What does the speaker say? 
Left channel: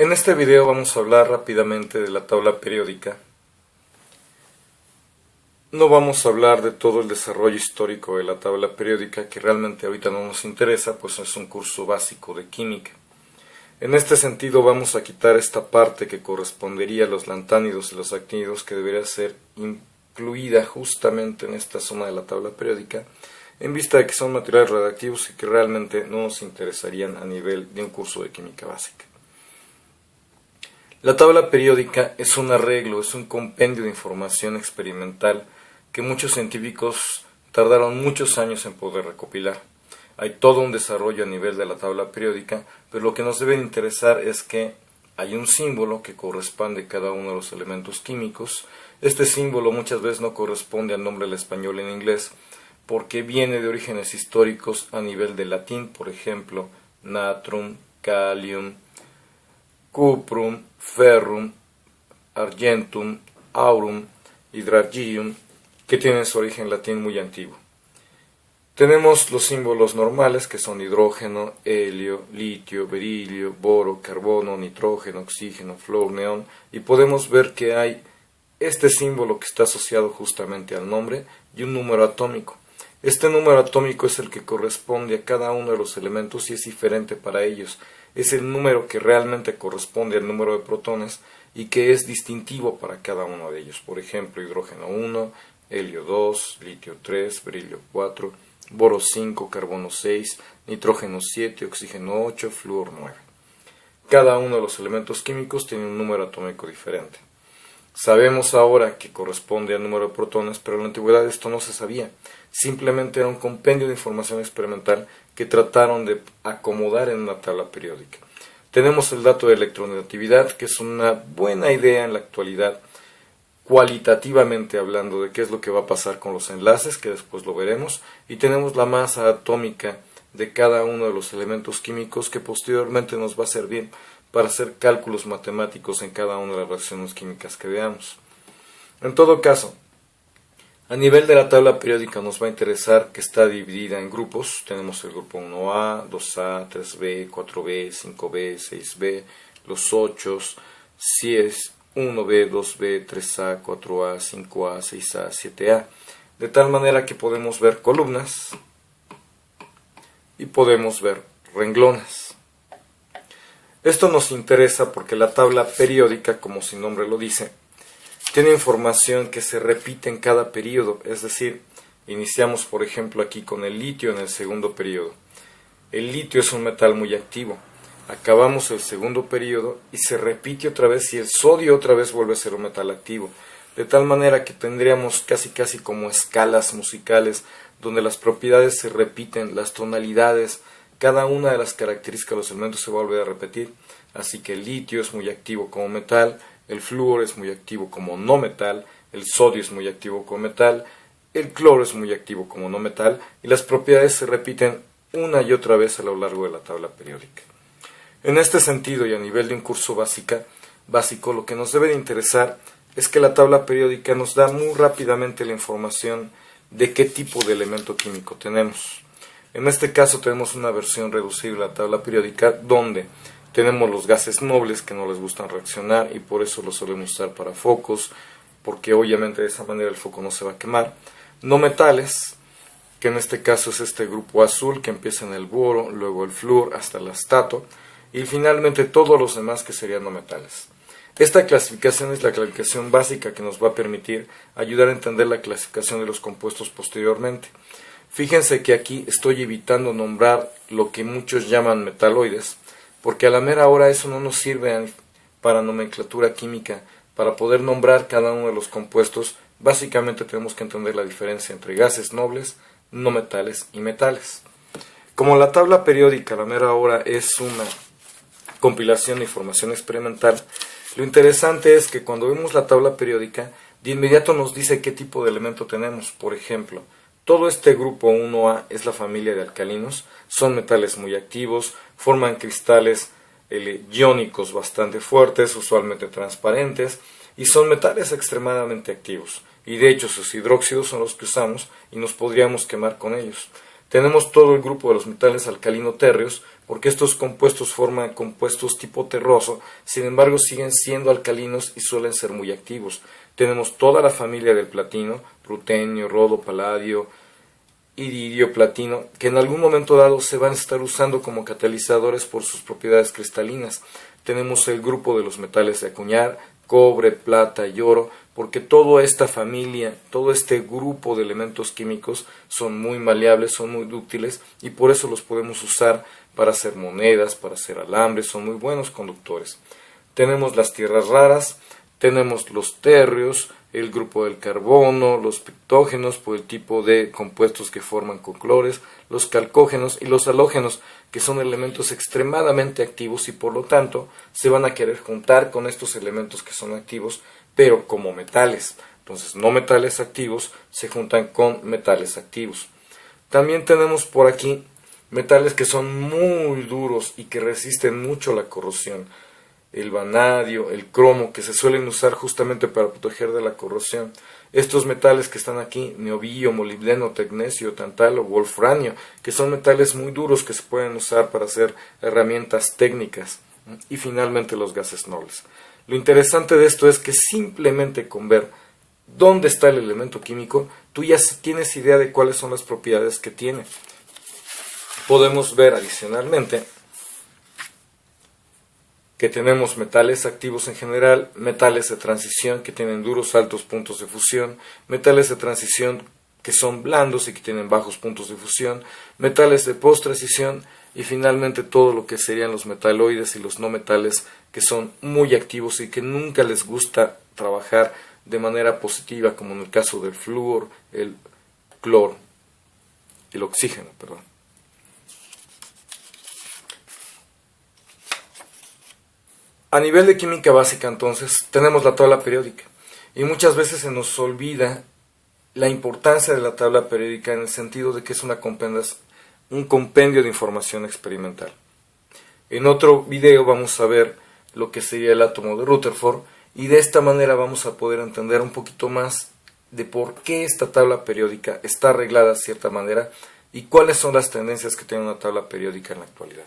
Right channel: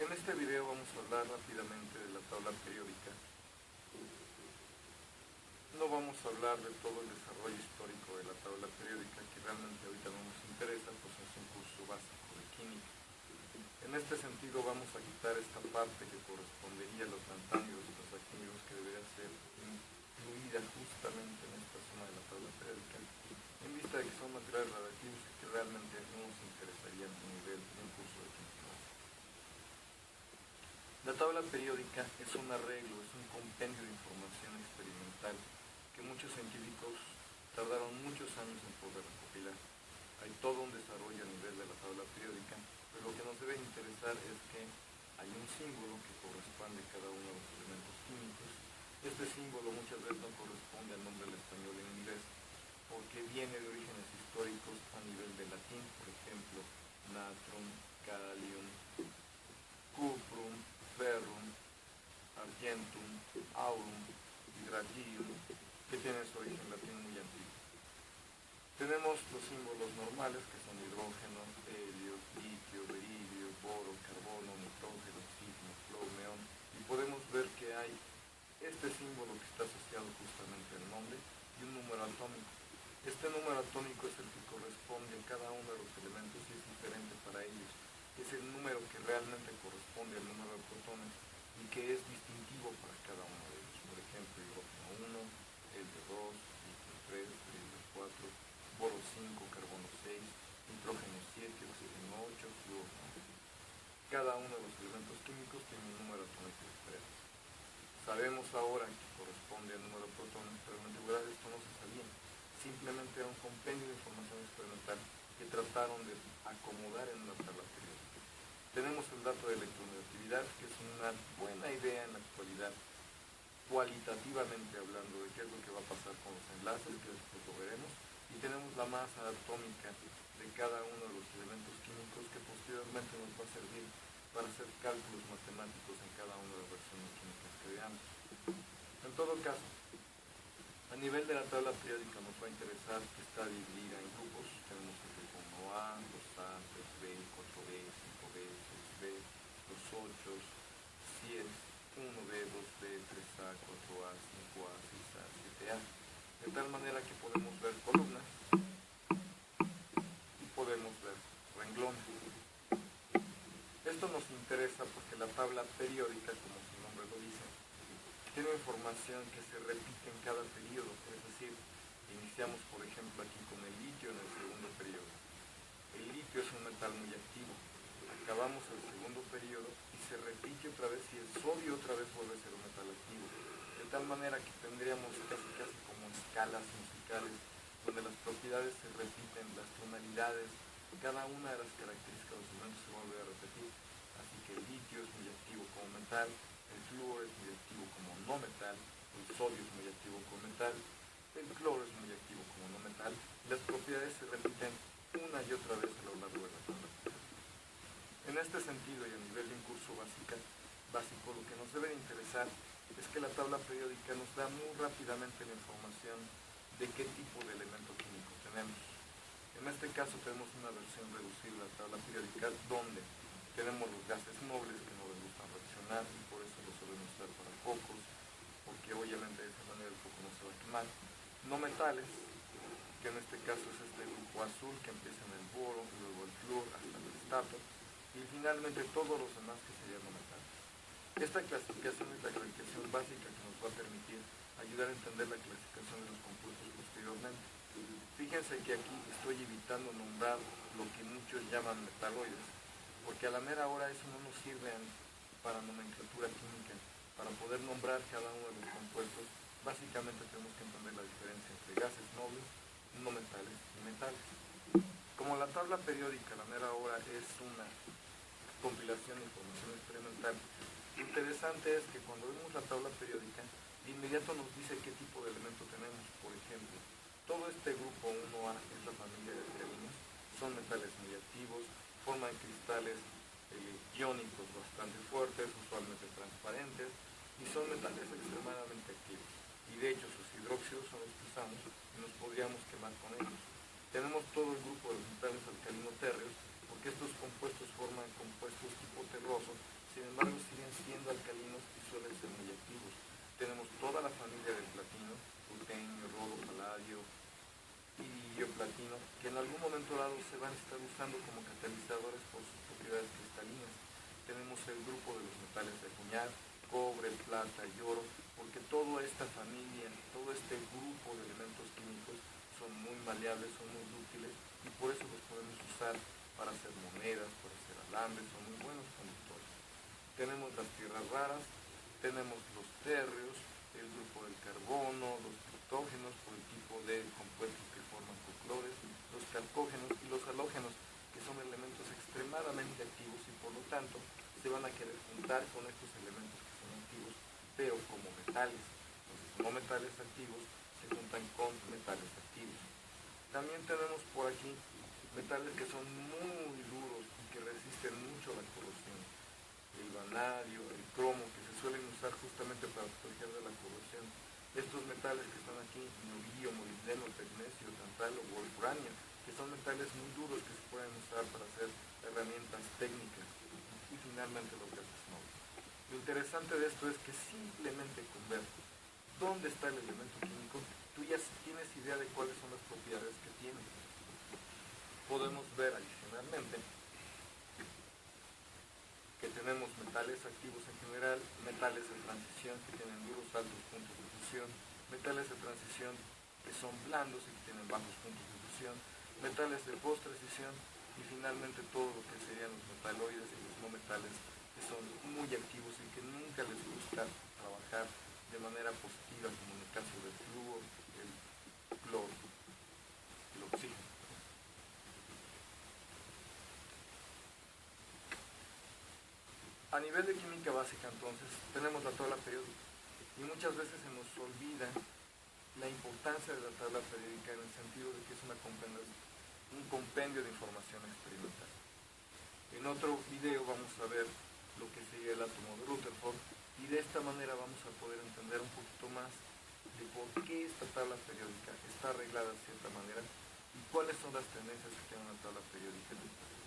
En este video vamos a hablar rápidamente de la tabla periódica. No vamos a hablar de todo el desarrollo histórico de la tabla periódica, que realmente ahorita no nos interesa, pues es un curso básico de química. En este sentido vamos a quitar esta parte que correspondería a los lantánidos y los actínidos, que debería ser incluida justamente en esta zona de la tabla periódica, en vista de que son materiales radiactivos y que realmente no nos interesarían a nivel de un curso de química básica. La tabla periódica es un arreglo, es un compendio de información experimental que muchos científicos tardaron muchos años en poder recopilar. Hay todo un desarrollo a nivel de la tabla periódica, pero lo que nos debe interesar es que hay un símbolo que corresponde a cada uno de los elementos químicos. Este símbolo muchas veces no corresponde al nombre del español en inglés, porque viene de orígenes históricos a nivel de latín, por ejemplo, natrum, kalium, cuprum, ferrum, argentum, aurum, hydrargyrum, que tienen su origen latín muy antiguo. Tenemos los símbolos normales, que son hidrógeno, helio, litio, berilio, boro, carbono, nitrógeno, oxígeno, flúor, neón, y podemos ver que hay este símbolo que está asociado justamente al nombre y un número atómico. Este número atómico es el que corresponde a cada uno de los elementos y es diferente para ellos. Es el número que realmente corresponde al número de protones y que es distintivo para cada uno de ellos. Por ejemplo, hidrógeno 1, helio 2, litio 3, berilio 4, boro 5, carbono 6, nitrógeno 7, oxígeno 8, flúor 9. Cada uno de los elementos químicos tiene un número atómico diferente. Sabemos ahora que corresponde al número de protones, pero en la antigüedad esto no se sabía. Simplemente era un compendio de información experimental que trataron de acomodar en una tabla periódica. Tenemos el dato de electronegatividad, que es una buena idea en la actualidad, cualitativamente hablando de qué es lo que va a pasar con los enlaces, que después lo veremos, y tenemos la masa atómica de cada uno de los elementos químicos, que posteriormente nos va a servir para hacer cálculos matemáticos en cada una de las reacciones químicas que veamos. En todo caso, a nivel de la tabla periódica nos va a interesar que está dividida en grupos. Tenemos el grupo 1A, 2A, 3B, 4B, 5B, 6B, los 8, si es 1B, 2B, 3A, 4A, 5A, 6A, 7A. De tal manera que podemos ver columnas y podemos ver renglones. Esto nos interesa porque la tabla periódica, como su nombre lo dice, tiene información que se repite en cada periodo, es decir, iniciamos por ejemplo aquí con el litio en el segundo periodo. El litio es un metal muy activo. Acabamos el segundo periodo y se repite otra vez y el sodio otra vez vuelve a ser un metal activo. De tal manera que tendríamos casi como escalas musicales donde las propiedades se repiten, las tonalidades, cada una de las características de los elementos se va a volver a repetir. Así que el litio es muy activo como metal, el flúor es muy activo como no metal, el sodio es muy activo como metal, el cloro es muy activo como no metal, y las propiedades se repiten una y otra vez a lo largo de la tabla periódica. En este sentido y a nivel de un curso básico, lo que nos debe de interesar es que la tabla periódica nos da muy rápidamente la información de qué tipo de elemento químico tenemos. En este caso tenemos una versión reducida de la tabla periódica donde tenemos los gases nobles que no les gustan reaccionar y por eso los solemos usar para focos, porque obviamente de esa manera el foco no se va a quemar. No metales, que en este caso es este grupo azul que empieza en el boro, luego el flúor hasta el astato y finalmente todos los demás que serían no metales. Esta clasificación es la clasificación básica que nos va a permitir ayudar a entender la clasificación de los compuestos posteriormente. Fíjense que aquí estoy evitando nombrar lo que muchos llaman metaloides, porque a la mera hora eso no nos sirve para nomenclatura química. Para poder nombrar cada uno de los compuestos, básicamente tenemos que entender la diferencia entre gases nobles, no metales y metales. Como la tabla periódica a la mera hora es una compilación de información experimental, lo interesante es que cuando vemos la tabla periódica, de inmediato nos dice qué tipo de elemento tenemos. Por ejemplo, todo este grupo 1A es la familia de alcalinos, son metales muy activos, forman cristales iónicos bastante fuertes, usualmente transparentes, y son metales extremadamente activos. Y de hecho sus hidróxidos son los que usamos y nos podríamos quemar con ellos. Tenemos todo el grupo de los metales alcalino-térreos, porque estos compuestos forman compuestos tipo terroso, sin embargo siguen siendo alcalinos y suelen ser muy activos. Tenemos toda la familia del platino, rutenio, rodo, paladio, iridio, platino, que en algún momento dado se van a estar usando como catalizadores por sus propiedades cristalinas. Tenemos el grupo de los metales de acuñar, cobre, plata y oro, porque toda esta familia, todo este grupo de elementos químicos son muy maleables, son muy dúctiles y por eso los podemos usar para hacer monedas, para hacer alambres, son muy buenos conductores. Tenemos las tierras raras, tenemos los térreos, el grupo del carbono, los pectógenos por el tipo de compuestos que forman conclores, los calcógenos y los halógenos, que son elementos extremadamente activos y por lo tanto se van a querer juntar con estos elementos que son activos, pero como metales. Entonces no metales activos se juntan con metales activos. También tenemos por aquí metales que son muy duros y que resisten mucho la corrosión. El vanadio, el cromo, que se suelen usar justamente para proteger de la corrosión. Estos metales que están aquí, neobio, molibdeno, tecnecio, tantalo, wolfranio, que son metales muy duros que se pueden usar para hacer herramientas técnicas. Y finalmente los gases nobles. Lo interesante de esto es que simplemente con ver dónde está el elemento químico, tú ya tienes idea de cuáles son las propiedades que tiene. Podemos ver adicionalmente que tenemos metales activos en general, metales de transición que tienen duros altos puntos de fusión, metales de transición que son blandos y que tienen bajos puntos de fusión, metales de post-transición y finalmente todo lo que serían los metaloides y los no metales que son muy activos y que nunca les gusta trabajar de manera positiva, como en el caso del flúor, el cloro, el oxígeno, perdón. A nivel de química básica, entonces, tenemos la tabla periódica y muchas veces se nos olvida la importancia de la tabla periódica en el sentido de que es un compendio de información experimental. En otro video vamos a ver lo que sería el átomo de Rutherford y de esta manera vamos a poder entender un poquito más de por qué esta tabla periódica está arreglada de cierta manera y cuáles son las tendencias que tiene una tabla periódica en la actualidad.